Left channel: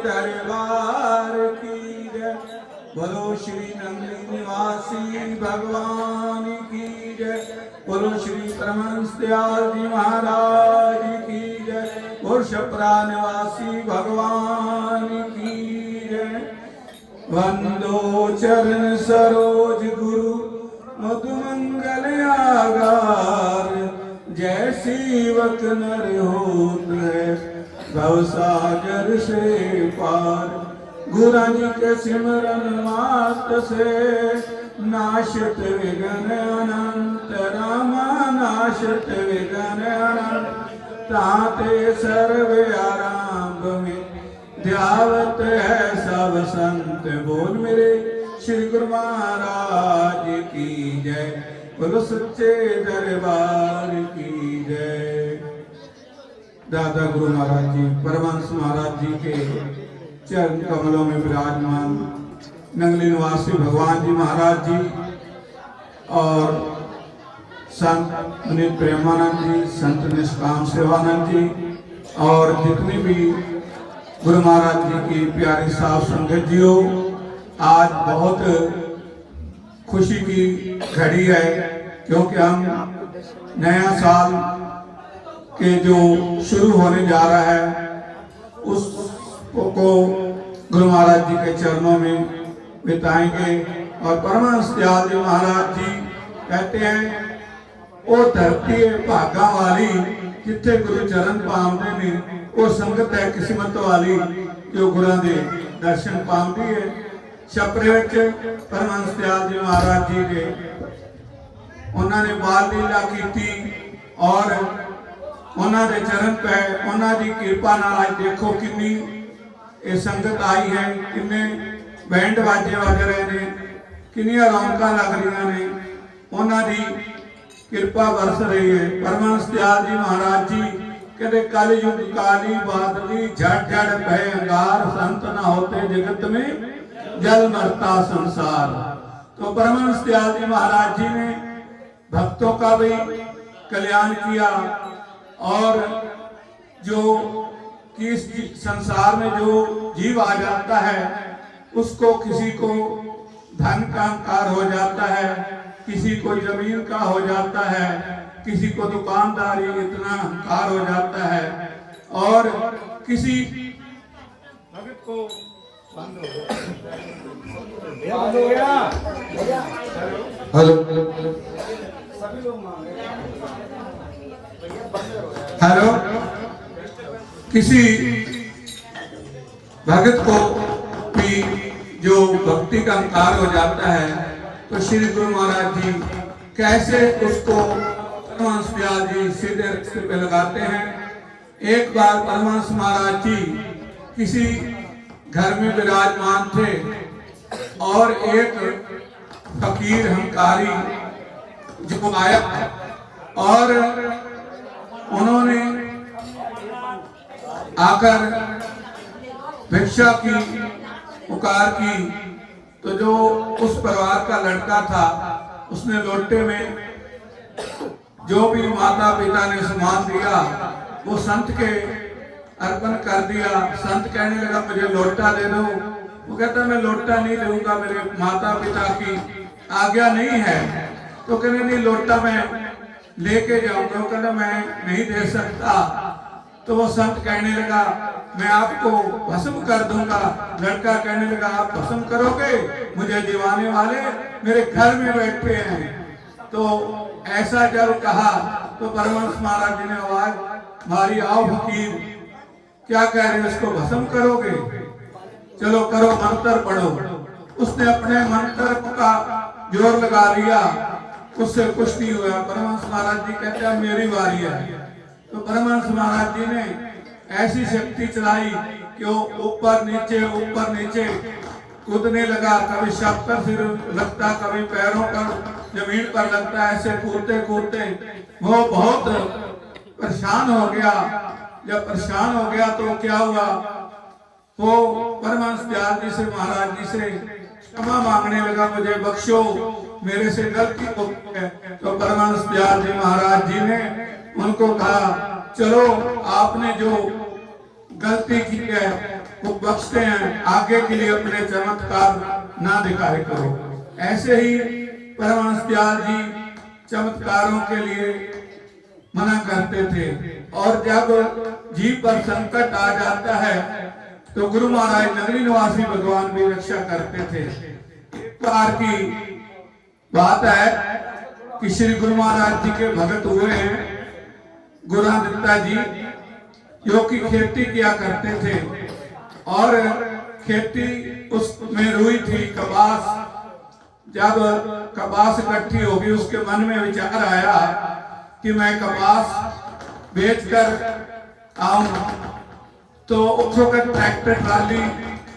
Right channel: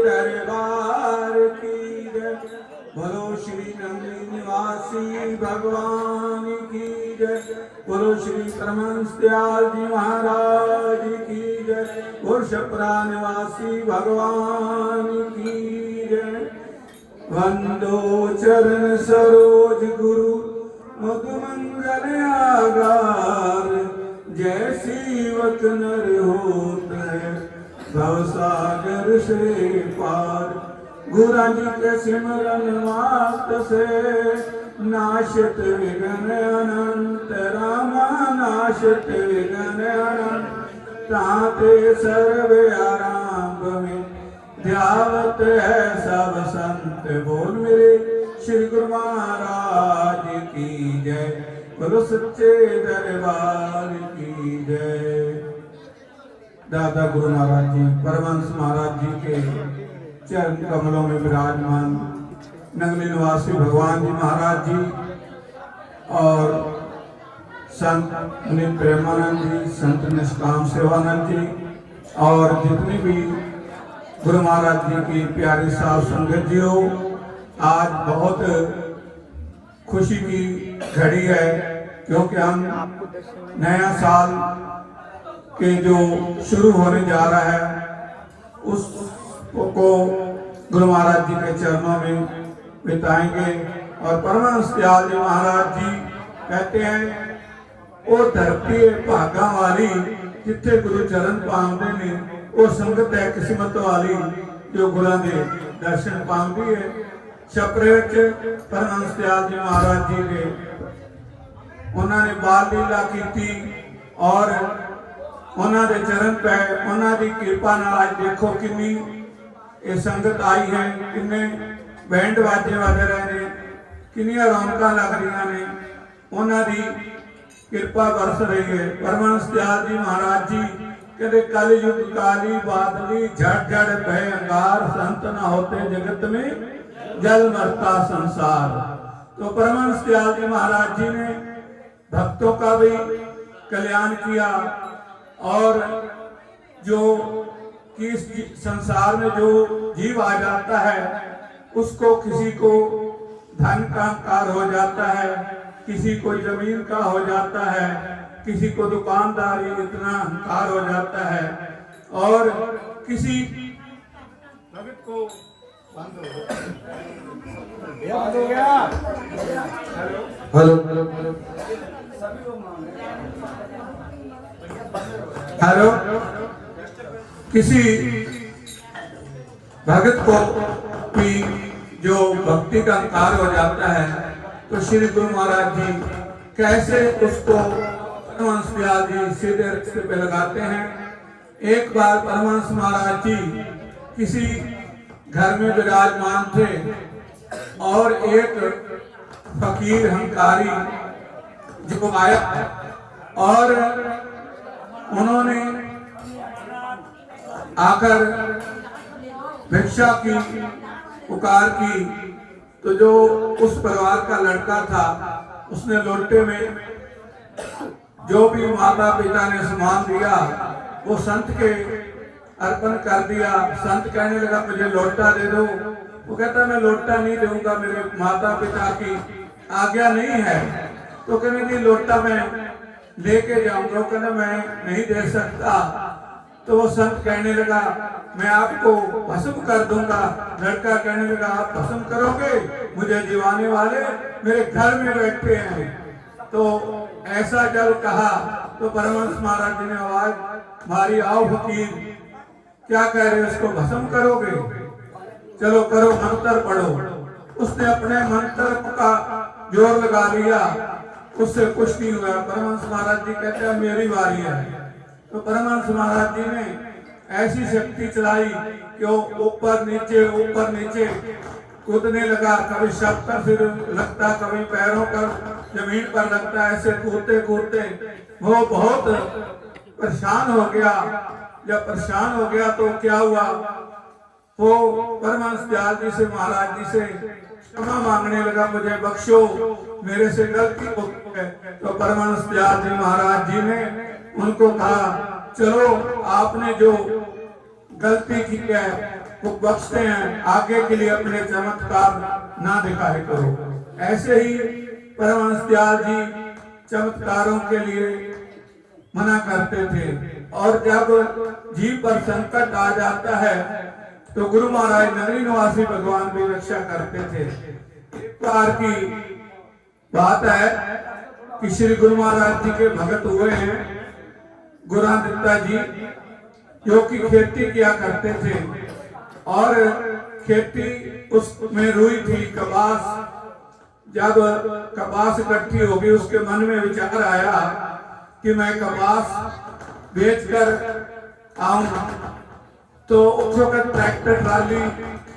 दरबार की जय। बोलो श्री नंदी निवासी भगवान की जय। बोलो श्री परमहंस दयाल जी महाराज की जय। पुरुषपरा निवासी भगवान की जय। वंदो चरण सरोज गुरु मधुमंगल आगार। जय सेवक नर होत है भवसागर से पार। गुरु जी के सिमरन मात से नाशत विघ्न अनंत। रामा नाशत विघ्न अनंत। ताते सर्व आरंभ में ध्यावत है सब संत। बोल मेरे श्री गुरु महाराज की जय। बोलो सच्चे दरबार की जय। दादा गुरु महाराज जी परमहंस महाराज जी के चरण कमलों में विराजमान नंगली निवासी भगवान जी महाराज जी और संत मुनि प्रेमानंद जी, संत निष्काम सेवानंद जी और जितनी भी गुरु महाराज जी की प्यारी साध संगत जी हो, आज बहुत खुशी की घड़ी है क्योंकि हम नया साल के जो शुरू होने जा रहा है उसको गुरु महाराज जी के चरणों में बिताएंगे। और परमहंस दयाल जी महाराज जी कहते हैं वो धरती है भागा वाली जिथे गुरु चरण पाਉਂਦੇ ने। वो संगत है किस्मत वाली जो गुरुओं के दर्शन पाਉਂਦੀ है। छपरे परमहंस दयाल जी महाराज जी ने उन्होंने बाल लीला की और उन्होंने चरण पे उन्होंने कृपा नाल आज देखो कितनी ये संगत आई है, किन्ने बैंड बाजे बज रहे हैं, किनिया रौनक लग रही ने। उन्होंने कृपा बरस रही है। परमहंस दयाल जी महाराज जी कहते कल युग काली बादली झट झट भय अंगार। संत न होते जगत में जल मरता संसार। तो परमहंस दयाल जी महाराज जी ने भक्तों का भी कल्याण किया और जो कि इस संसार में जो जीव आ जाता है उसको किसी को धन का अहंकार हो जाता है, किसी को जमीन का हो जाता है, किसी को दुकानदारी इतना अहंकार हो जाता है और किसी भगत को बंद हो गया। हेलो हेलो हेलो किसी भगत को भी जो भक्ति का अहंकार हो जाता है तो श्री गुरु महाराज जी कैसे उसको परमहंस दयाल जी सीधे रस्ते पे लगाते हैं। एक बार परमहंस महाराज जी किसी घर में विराजमान थे और एक फकीर हंकारी जो आया और उन्होंने आकर भिक्षा की पुकार की तो जो उस परिवार का लड़का था उसने लोटे में जो भी माता पिता ने सामान दिया वो संत के अर्पण कर दिया। संत कहने लगा मुझे लोटा दे दो। वो कहता मैं लोटा नहीं दूंगा, मेरे माता पिता की आज्ञा नहीं है। तो कहने नहीं लोटा मैं लेके जाऊंगा। वो कहने मैं नहीं दे सकता। तो वो संत कहने लगा मैं आपको भस्म कर दूंगा। लड़का कहने लगा आप भस्म करोगे, मुझे जीवाने वाले मेरे घर में बैठे हैं। तो ऐसा जब कहा तो परमहंस महाराज जी ने आवाज मारी आओ फकीर क्या कह रहे हो, इसको भस्म करोगे, चलो करो मंत्र पढ़ो। उसने अपने मंत्र का जोर लगा लिया, उससे कुछ नहीं हुआ। परमहंस महाराज जी कहते हैं मेरी बारी है। तो परमहंस महाराज जी ने ऐसी शक्ति चलाई कि वो ऊपर नीचे कूदने लगा। कभी शव पर सिर लगता, कभी पैरों पर जमीन पर लगता। ऐसे कूदते कूदते वो बहुत परेशान हो गया। जब परेशान हो गया तो क्या हुआ, वो परमहंस दयाल जी से महाराज जी से क्षमा मांगने लगा, मुझे बख्शो, मेरे से गलती हो गई है। तो परमहंस दयाल जी महाराज जी ने उनको कहा चलो आपने जो गलती की है वो बख्शते हैं, आगे के लिए अपने चमत्कार ना दिखाए करो। ऐसे ही परमहंस दयाल जी चमत्कारों के लिए मना करते थे, और जब जीव पर संकट आ जाता है तो गुरु महाराज नगरी निवासी भगवान भी रक्षा करते थे। एक बार की बात है कि श्री गुरु महाराज जी के भगत हुए हैं गुरुदत्ता जी, जो कि खेती किया करते थे, और खेती उसमें रुई थी, कपास। जब कपास इकट्ठी होगी, उसके मन में विचार आया कि मैं कपास बेचकर आऊंगा। तो उस वक्त ट्रैक्टर ट्राली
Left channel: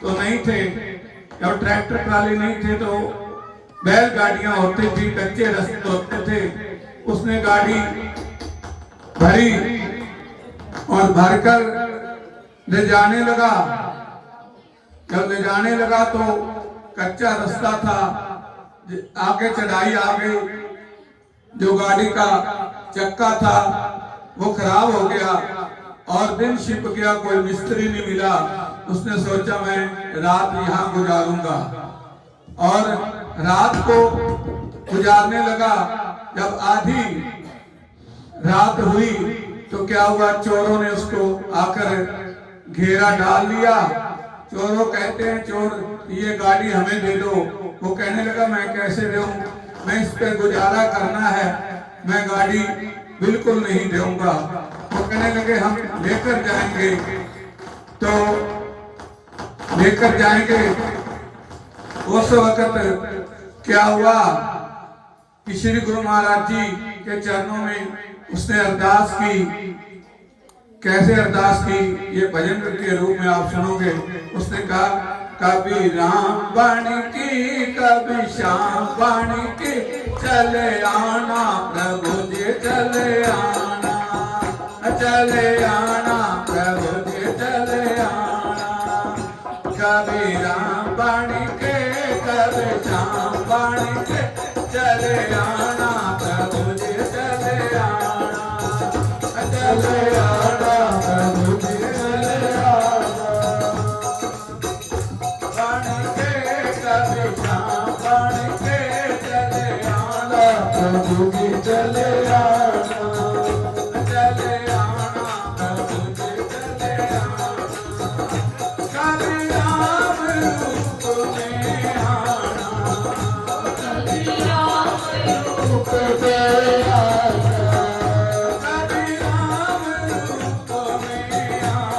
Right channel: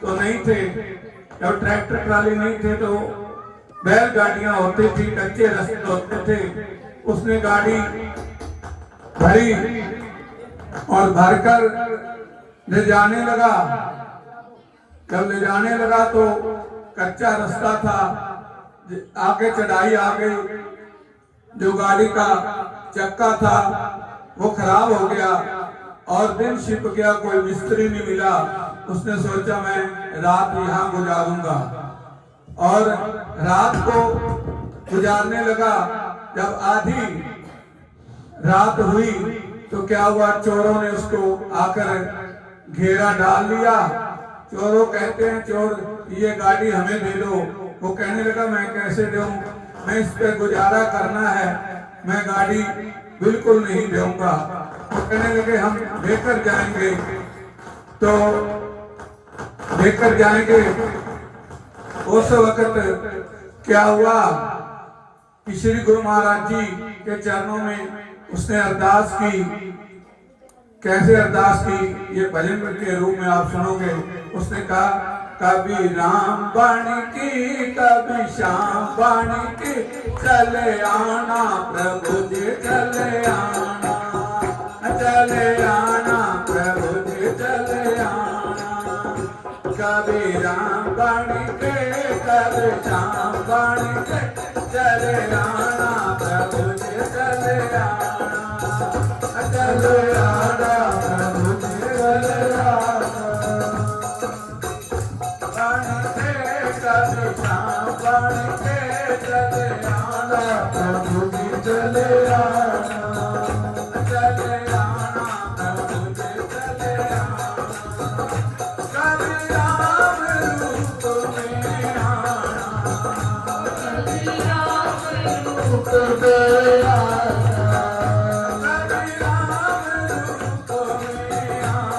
तो नहीं थे, जब ट्रैक्टर ट्राली नहीं थे तो बैलगाड़ियां होती थी, कच्चे रास्ते होते थे। उसने गाड़ी भरी और भरकर ले जाने लगा। जब ले जाने लगा तो कच्चा रास्ता था, आगे चढ़ाई आ गई, जो गाड़ी का चक्का था वो खराब हो गया और दिन छिप गया, कोई मिस्त्री नहीं मिला। उसने सोचा मैं रात यहाँ गुजारूंगा, और रात को गुजारने लगा। जब आधी रात हुई तो क्या हुआ, चोरों ने उसको आकर घेरा डाल लिया। चोरों कहते हैं, चोर ये गाड़ी हमें दे दो। वो कहने लगा मैं कैसे दूं, मैं इस पे गुजारा करना है, मैं गाड़ी बिल्कुल नहीं दूंगा। वो कहने लगे हम लेकर जाएंगे, तो लेकर जाएंगे। उस वक्त क्या हुआ कि श्री गुरु महाराज जी के चरणों में उसने अरदास की। कैसे अरदास की, ये भजन के रूप में आप सुनोगे। उसने कहा कभी राम बाणी की, कभी श्याम बाणी की, चले आना प्रभु जी चले आना, चले आना प्रभु जी चले आना। कभी राम बाणी के, कभी श्याम बाणी के, चले आना प्रभु जी चले आना, चले आना प्रभु जी चले आना। बाणी के कभी श्याम बाणी के, चले आना प्रभु जी चले आना, चले आना प्रभु जी चले आना। कभी राम रूप में आना, कभी राम रूप में आना, कभी राम रूप में आना,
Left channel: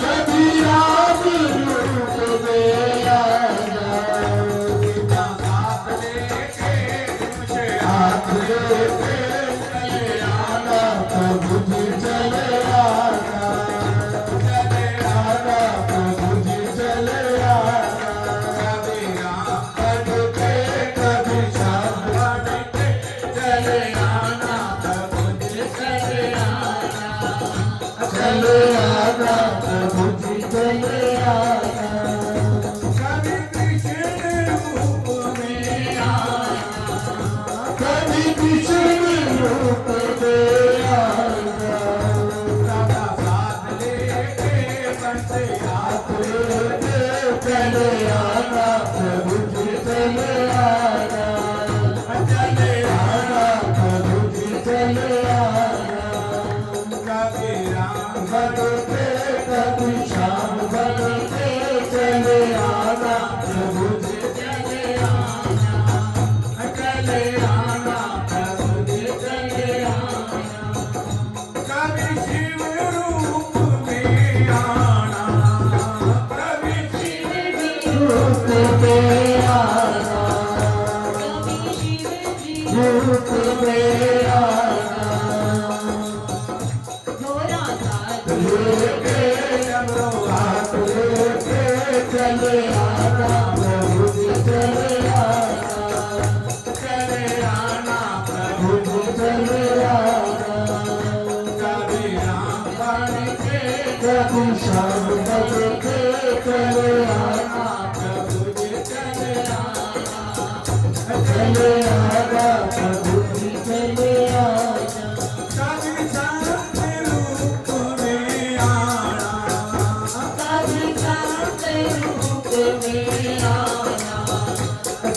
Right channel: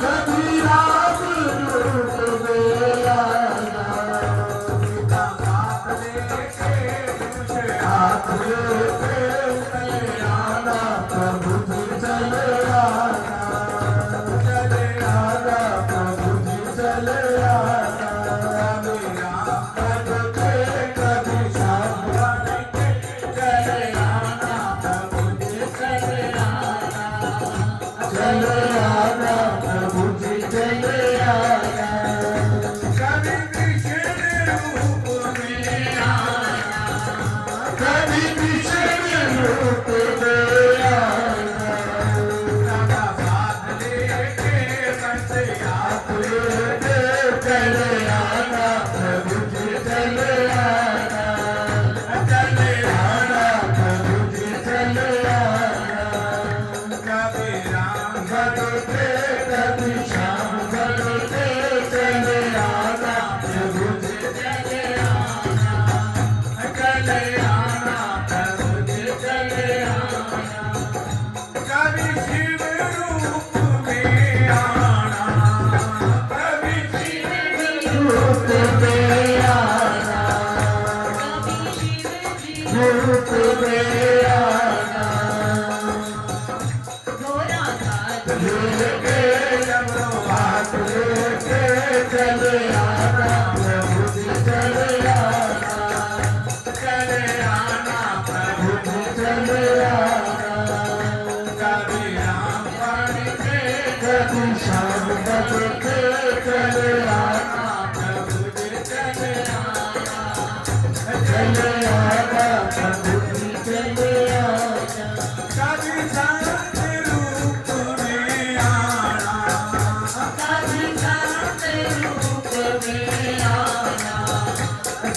कभी राम रूप में आना। बिना हाथ लेके मुझे हाथ लेके चले आना प्रभु जी चले आना, चले आना प्रभु जी चले आना। कभी राम पद के, कभी श्याम पद के, चले आना प्रभु जी चले आना, चले आना प्रभु जी चले आना। कभी कृष्ण रूप में आना, कभी कृष्ण रूप में आना। सदा साथ लेके, बंदे हाथ लेके, चले आना प्रभु जी चले आना, चले आना प्रभु जी चले आना। कभी राम भक्त के, कभी श्याम भक्त के, चले आना प्रभु जी चले आना, चले आना प्रभु जी चले आना। कभी शिव रूप में आना, कभी शिव रूप में आना, कभी शिव रूप में आना। लेके डमरू हाथ लेके, चले आना प्रभु जी चले आना, चले आना प्रभु जी चले आना। कभी राम बाणी के, कभी श्याम बाणी के, चले आना प्रभु जी चले आना, चले आना प्रभु जी चले आना। कभी संत रूप में आना,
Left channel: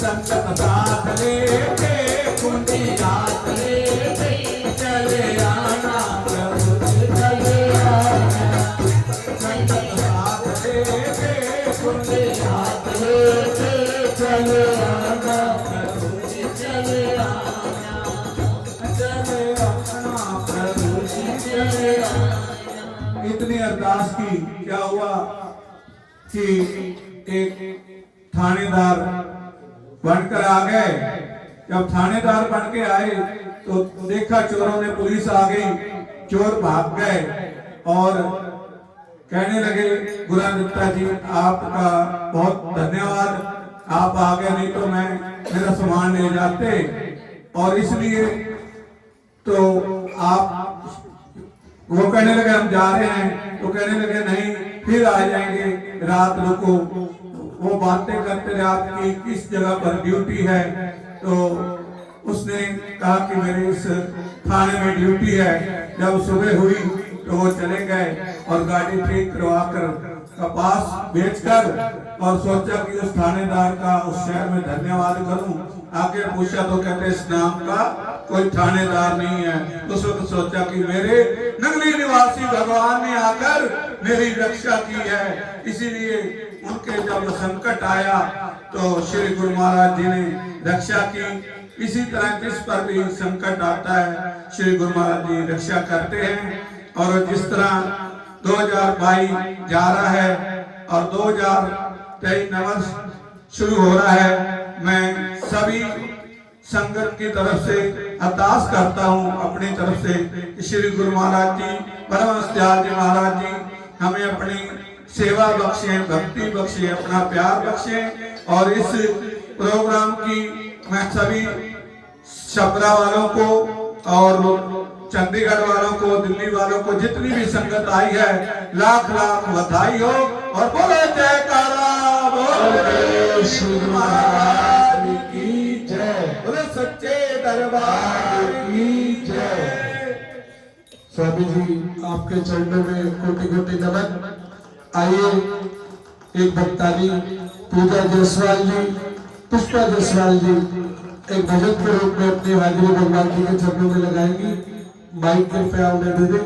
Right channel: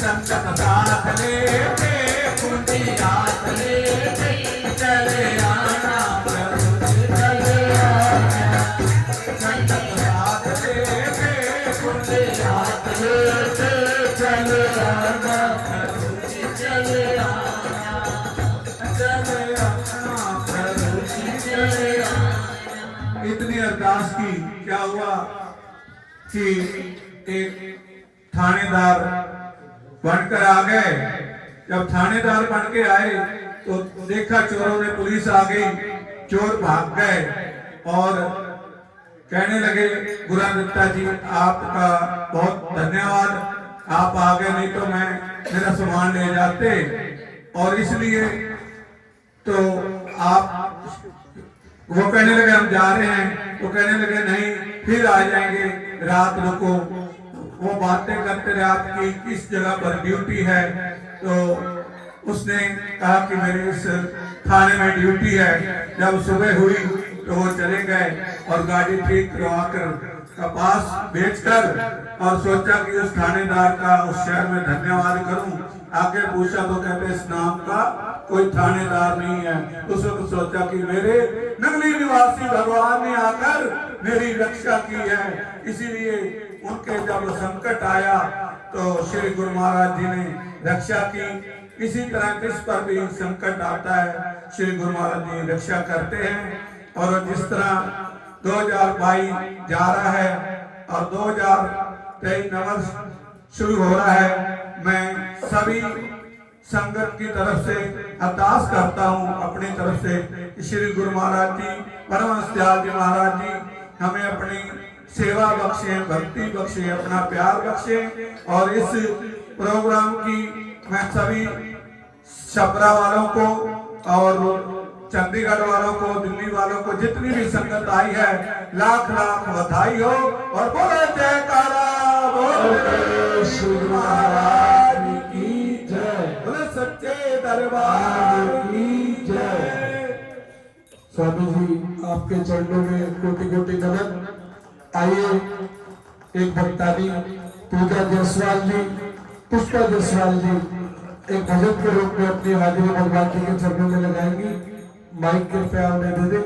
संकट साथ लेके कुंडी हाथ लेके चले आना प्रभु चले आना। संकट साथ लेके कुंडी हाथ लेके चले आना प्रभु चले आना। चले आना प्रभु चले आना। इतनी अरदास की क्या हुआ कि एक थानेदार बनकर आ गए। जब थानेदार बन के आए तो देखा चोरों ने, पुलिस आ गई, चोर भाग गए और कहने लगे गुरुदत्ता जी आपका बहुत धन्यवाद, आप आ गए, नहीं तो मैं मेरा सामान ले जाते। और इसलिए तो आप, वो कहने लगे हम जा रहे हैं, तो कहने लगे नहीं फिर आ जाएंगे, रात रुको। वो बातें करते रहे आपकी किस जगह पर ड्यूटी है। तो उसने कहा कि मेरी इस थाने में ड्यूटी है। जब सुबह हुई तो वो चले गए और गाड़ी ठीक करवाकर कपास बेचकर और सोचा कि उस थानेदार का उस शहर में धन्यवाद करूं। आगे पूछा तो कहते इस नाम का कोई थानेदार नहीं है। उस वक्त सोचा कि मेरे नगली निवासी भगवान ने आकर मेरी रक्षा की है। इसीलिए उनके जब संकट आया तो श्री गुरु महाराज जी ने रक्षा की। इसी तरह किस पर भी संकट आता है श्री गुरु महाराज जी रक्षा करते हैं। और जिस तरह 2022 जा रहा है और 2023 नवा शुरू हो रहा है, मैं सभी संगत की तरफ से अरदास करता हूँ अपनी तरफ से कि श्री गुरु महाराज जी, परमहंस दयाल जी महाराज जी हमें अपनी सेवा बख्शे, भक्ति बख्शे, अपना प्यार बख्शे। और इस प्रोग्राम की मैं सभी छपरा वालों को और चंडीगढ़ वालों को, दिल्ली वालों को, जितनी भी संगत आई है, लाख लाख बधाई हो। और बोलो जयकारा, बोलो श्री महाराज की जय, बोलो सच्चे दरबार की जय। स्वामी जी आपके चरणों में कोटि कोटि नमन। आइए एक भक्तानी पूजा जायसवाल जी, पुष्पा जायसवाल जी एक भजन के रूप में अपनी हाजिरी भगवान जी के चरणों में लगाएंगी। माइक कृपया उन्हें दे दें।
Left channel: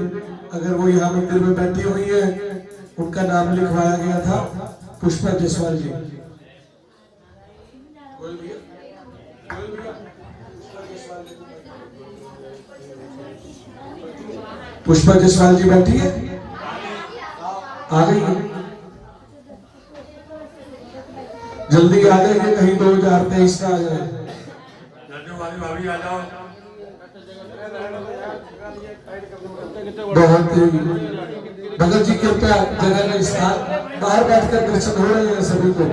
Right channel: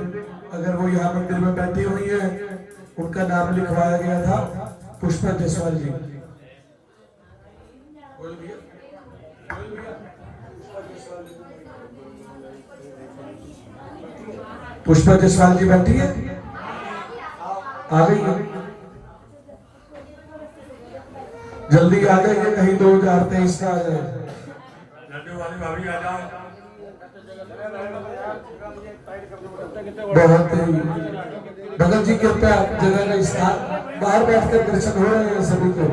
अगर वो यहाँ मंदिर में बैठी हुई है, उनका नाम लिखवाया गया था पुष्पा जायसवाल जी। पुष्पा जायसवाल जी बैठी है, आ गई है, जल्दी आ गई कि कहीं 2023 का आ जाए। वाली भाभी आ जाओ। बहुत ही भगत जी कृपया जगह का स्थान, बाहर बैठकर दर्शन हो रहे हैं सभी को,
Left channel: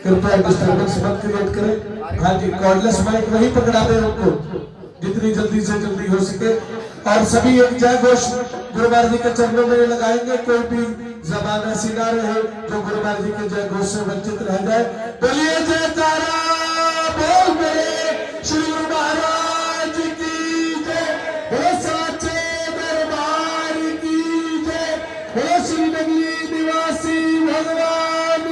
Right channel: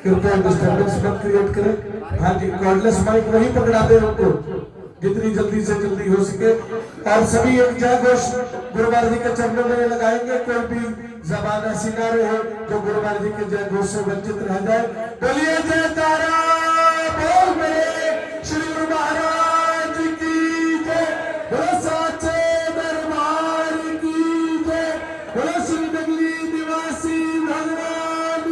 कृपया डिस्टर्बेंस मत क्रिएट करें। हाँ जी, कॉर्डलेस माइक वहीं पकड़ा दे उनको जितनी जल्दी से जल्दी हो सके। और सभी एक जय घोष गुरु महाराज जी के चरणों में लगाएंगे। कोई भी जबान ऐसी ना रहे जो गुरु महाराज जी के जय घोष से वंचित रह जाए। बोलिए जयकारा, बोल मेरे श्री गुरु महाराज की जय, बोलो साचे दरबार की जय, बोलो श्री नगरी निवासी भगवान